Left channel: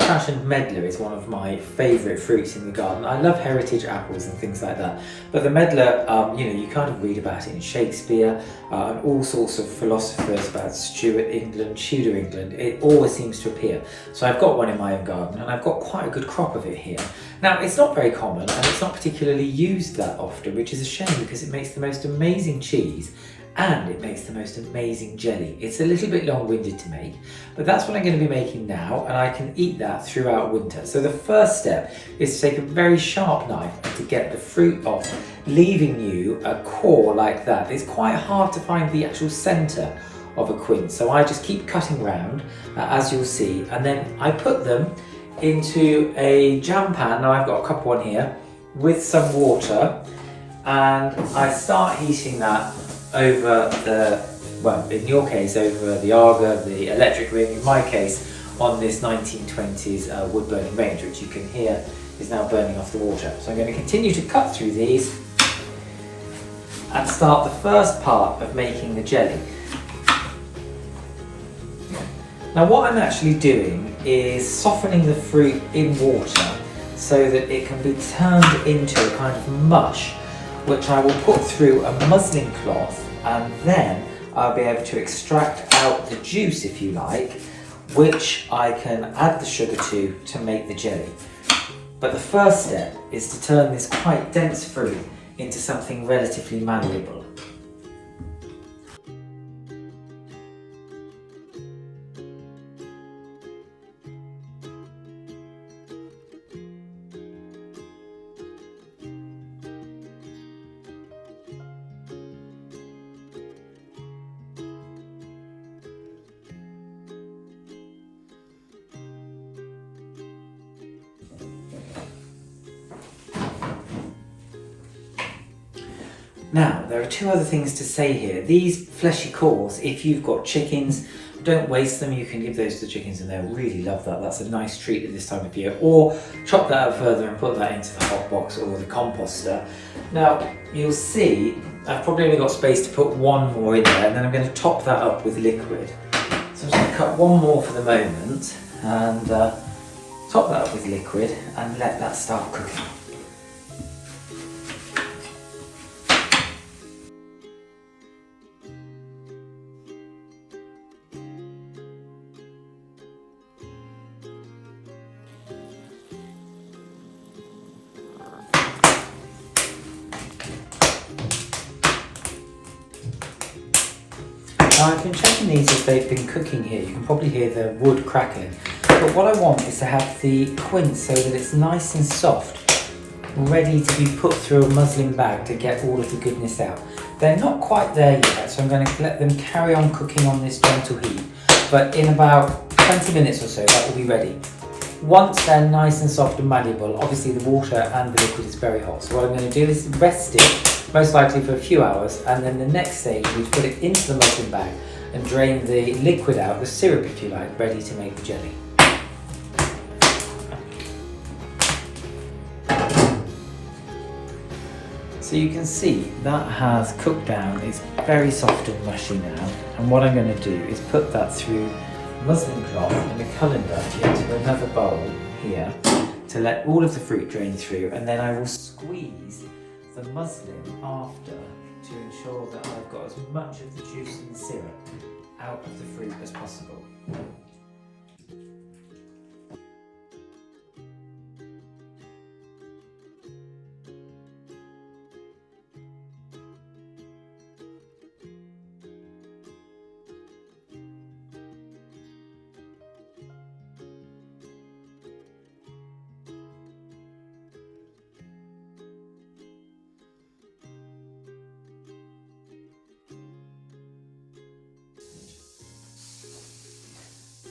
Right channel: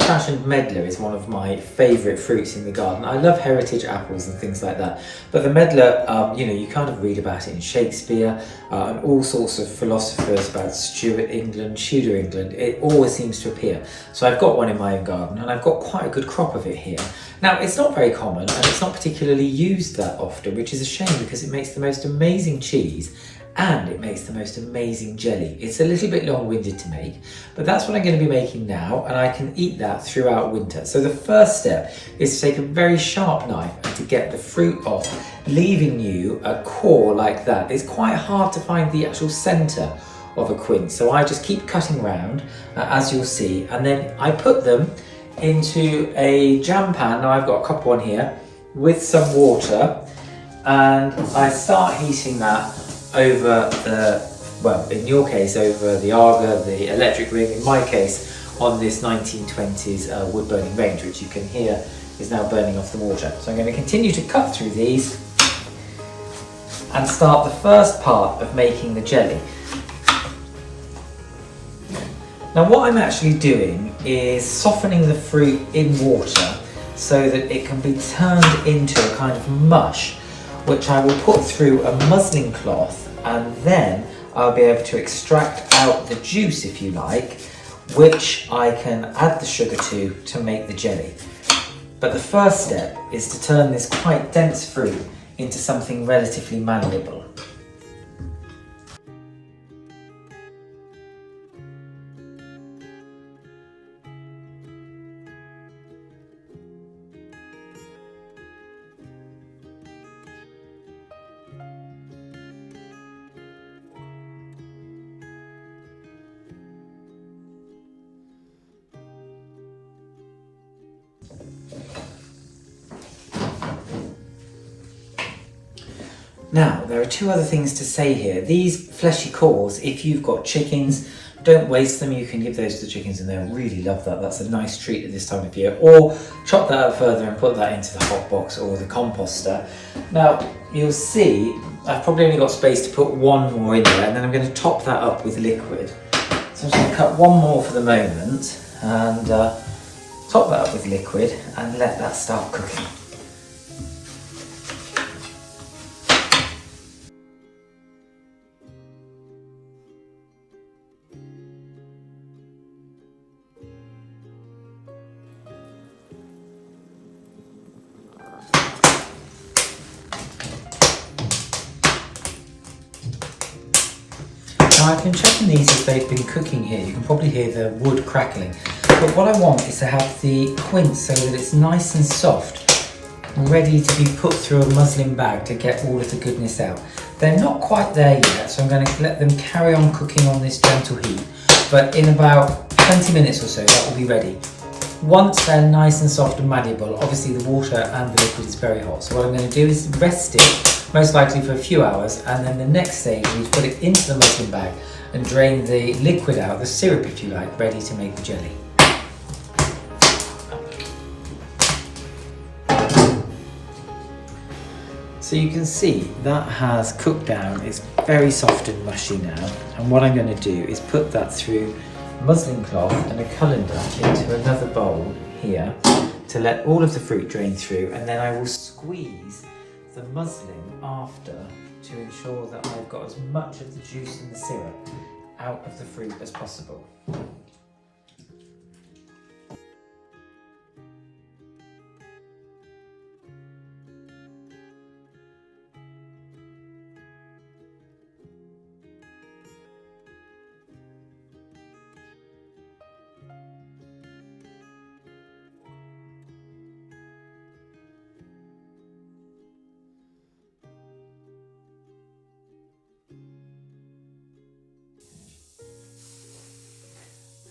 old-fashioned medlar is one of my favourite fruits in the garden. I love heritage apples and things like that, but the medlar, you know, you kind of read about it in Shakespeare and all sorts of philosophers about Stuart England, Tudor England. It always seems to appear. So I've got one in my own garden and I've got quite a good crop of it here. Now, it's not very common and it's not particularly used that often, which is a shame because it makes the most amazing cheese and it makes the most amazing jelly. It's a little bit long-winded to make, but that's what I'm going to be making now, and I can eat that throughout winter. So the first step is to take a very sharp knife and to get the fruit off, leaving you a core like that. It's quite hard to find the actual centre of a quince, so I just keep cutting round, as you'll see, and then I put them into a jam pan. Now I've got a copper one here with some water, and I start heating that over the, well, in your case, over the Aga, the electric ring, in my case, on this 1920s wood burning range, which you can hear is now burning off the water. So I'm going to continue to cut through these and start the first part of making the jelly. Now what I'm actually doing is softening the fruit in water so that it can be turned into a kind of mush, which I will put through a muslin cloth, and then I'll be able to extract out the juice, if you like, which I can add the sugar to make the jelly. But the first step is to turn this quite dense fruit into something relatively malleable. Now, there are two other things to say here. These fleshy cores, if you've got chickens, don't waste them. You can give those to the chickens and they'll really love that. That's a nice treat at this time of year. Or chop that out further and put that into the hot box or the composter. Now, you'll see I've probably only got space to put one more in there, and then I'm going to top that up with liquid. So I'm just going to cut one more for the moment and top that up with liquid and let that start cooking. Now I've been checking these as they've been cooking here. You can probably hear the wood crackling. But what I want is to have the quince so that it's nice and soft, ready to be put through a muslin bag to get all of the goodness out. They're not quite there yet, so I'm going to let them carry on cooking on this gentle heat. But in about 20 minutes or so, that will be ready. Once they're nice and soft and malleable, obviously the water and the liquid is very hot. So what I'm going to do is rest it, most likely for a few hours, and then the next stage is put it into the muslin bag and drain the liquid out, the syrup if you like, ready to make the jelly. So you can see that has cooked down, it's very soft and mushy now, and what I'm going to do is put that through muslin cloth and a colander into another bowl here to let all of the fruit drain through, and then I will squeeze the muslin after to ensure that I've got as much of the juice and the syrup out of the fruit as possible.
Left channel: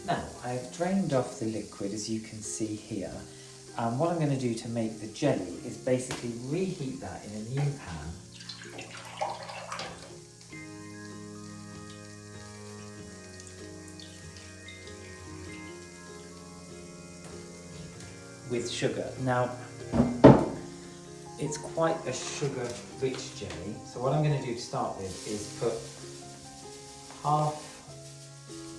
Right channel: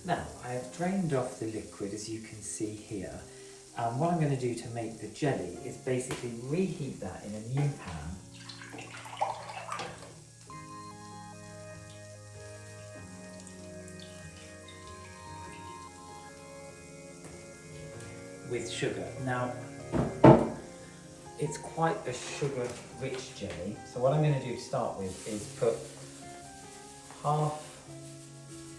Now, I've drained off the liquid, as you can see here, and what I'm going to do to make the jelly is basically reheat that in a new pan. With sugar. Now, it's quite a sugar-rich jelly, so what I'm going to do to start with is put half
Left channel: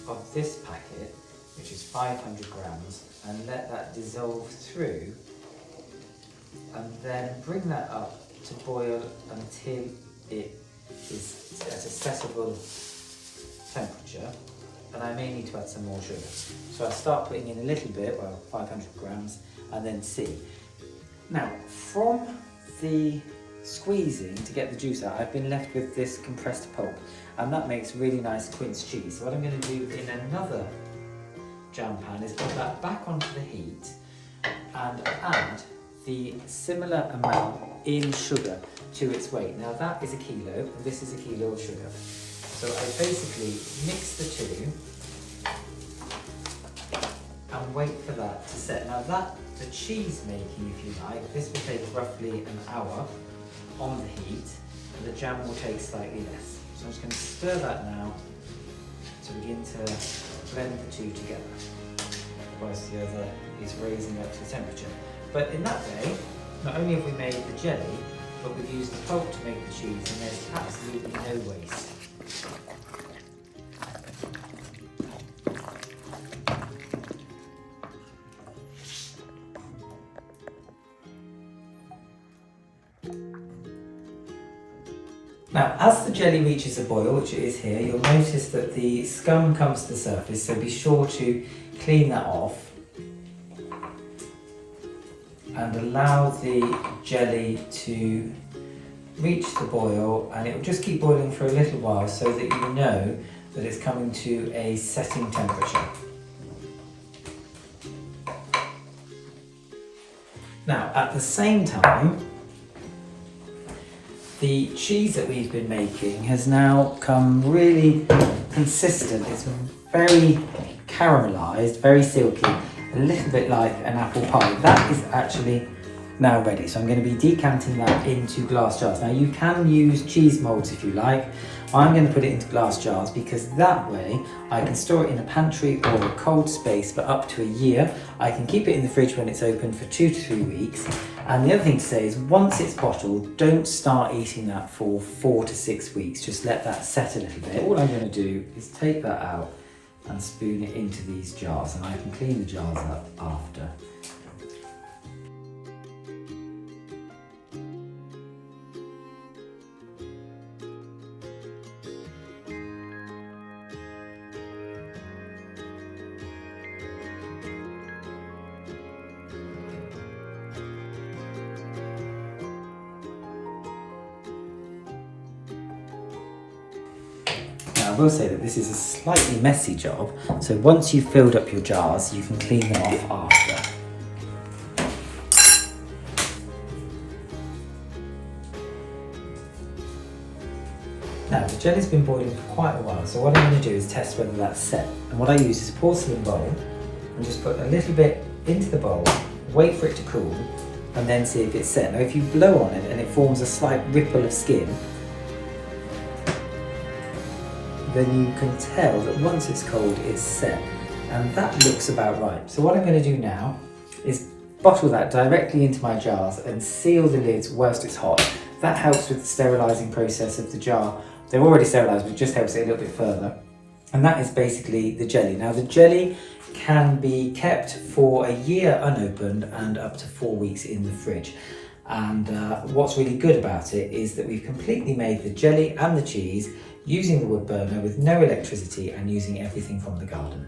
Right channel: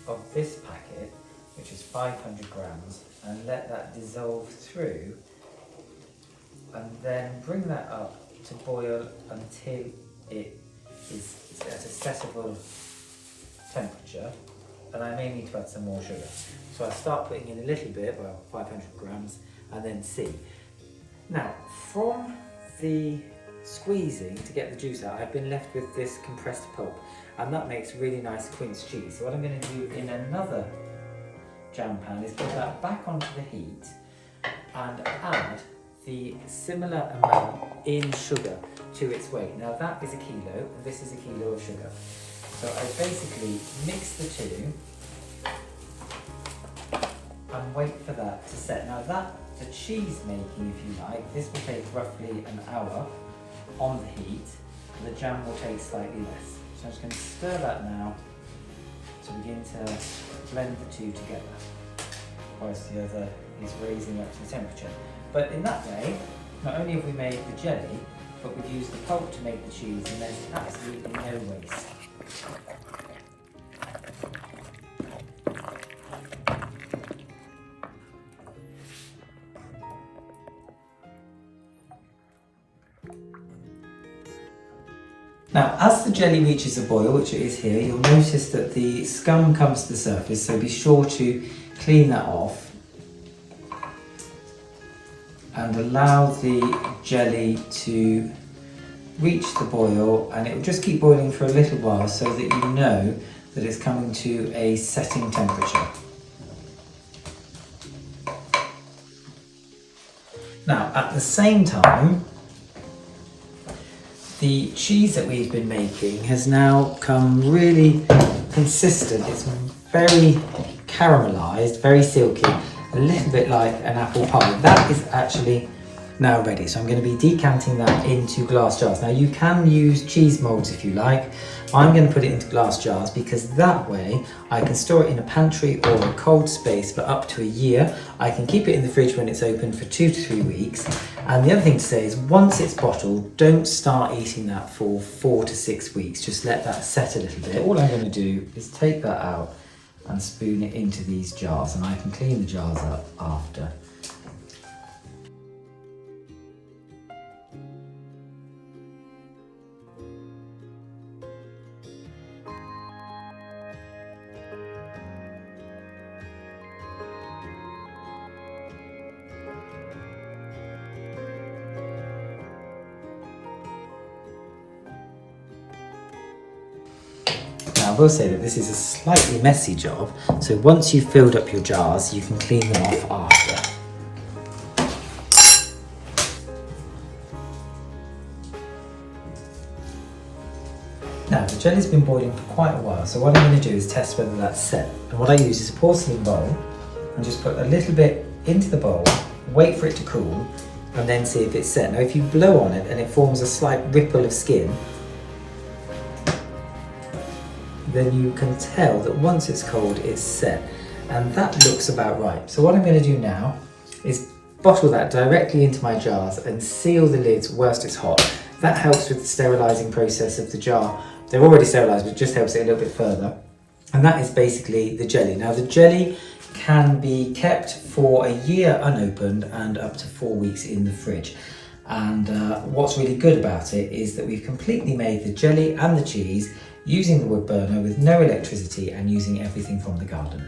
of this packet which is 500 grams, and let that dissolve through, and then bring that up to boil until it is at a acceptable temperature. And I may need to add some more sugar. So I start putting in a little bit, well, 500 grams, and then see. Now, from the squeezing to get the juice out, I've been left with this compressed pulp, and that makes really nice quince cheese. So what I'm going to do in another jam pan is put that back onto the heat and add the similar amount in sugar to its weight. Now that is a kilo, and this is a kilo of sugar. So I basically mix the two and wait for that to set. Now the cheese making, if you like, this will take roughly an hour on the heat, and the jam will take slightly less. So I'm just going to stir that now to begin to blend the two together, whilst the other is raising up to the temperature. But in that way, not only have we made the jelly, but we've used the pulp to make the cheese, and there's absolutely no waste. Now, as the jelly reaches a boil, which it is here, you'll notice that the scum comes to the surface, so be sure to clean that off and allow the jelly to reach the boil, and it will just keep boiling for a little while so that you know that it's coming to a setting temperature. Now, at the same time, the cheese that we've been making has now come really consistent. It's very caramelised, very silky, a little bit like an apple pie. That is actually now ready. So I'm going to be decanting that into glass jars. Now you can use cheese molds if you like. I'm going to put it into glass jars because that way I can store it in a pantry or a cold space for up to a year. I can keep it in the fridge when it's open for 2 to 3 weeks. And the other thing to say is once it's bottled, don't start eating that for 4 to 6 weeks. Just let that set a little bit. All I'm going to do is take that out and spoon it into these jars, and I can clean the jars up after. I will say that this is a slightly messy job, so once you've filled up your jars, you can clean them off after. Now, the jelly's been boiling for quite a while, so what I'm going to do is test whether that's set. And what I use is a porcelain bowl, and just put a little bit into the bowl, wait for it to cool, and then see if it's set. Now, if you blow on it and it forms a slight ripple of skin, then you can tell that once it's cold, it's set. And that looks about right. So what I'm going to do now is bottle that directly into my jars and seal the lids whilst it's hot. That helps with the sterilising process of the jar. They're already sterilised, but it just helps it a little bit further. And that is basically the jelly. Now the jelly can be kept for a year unopened and up to 4 weeks in the fridge. And what's really good about it is that we've completely made the jelly and the cheese using the wood burner with no electricity and using everything from the garden.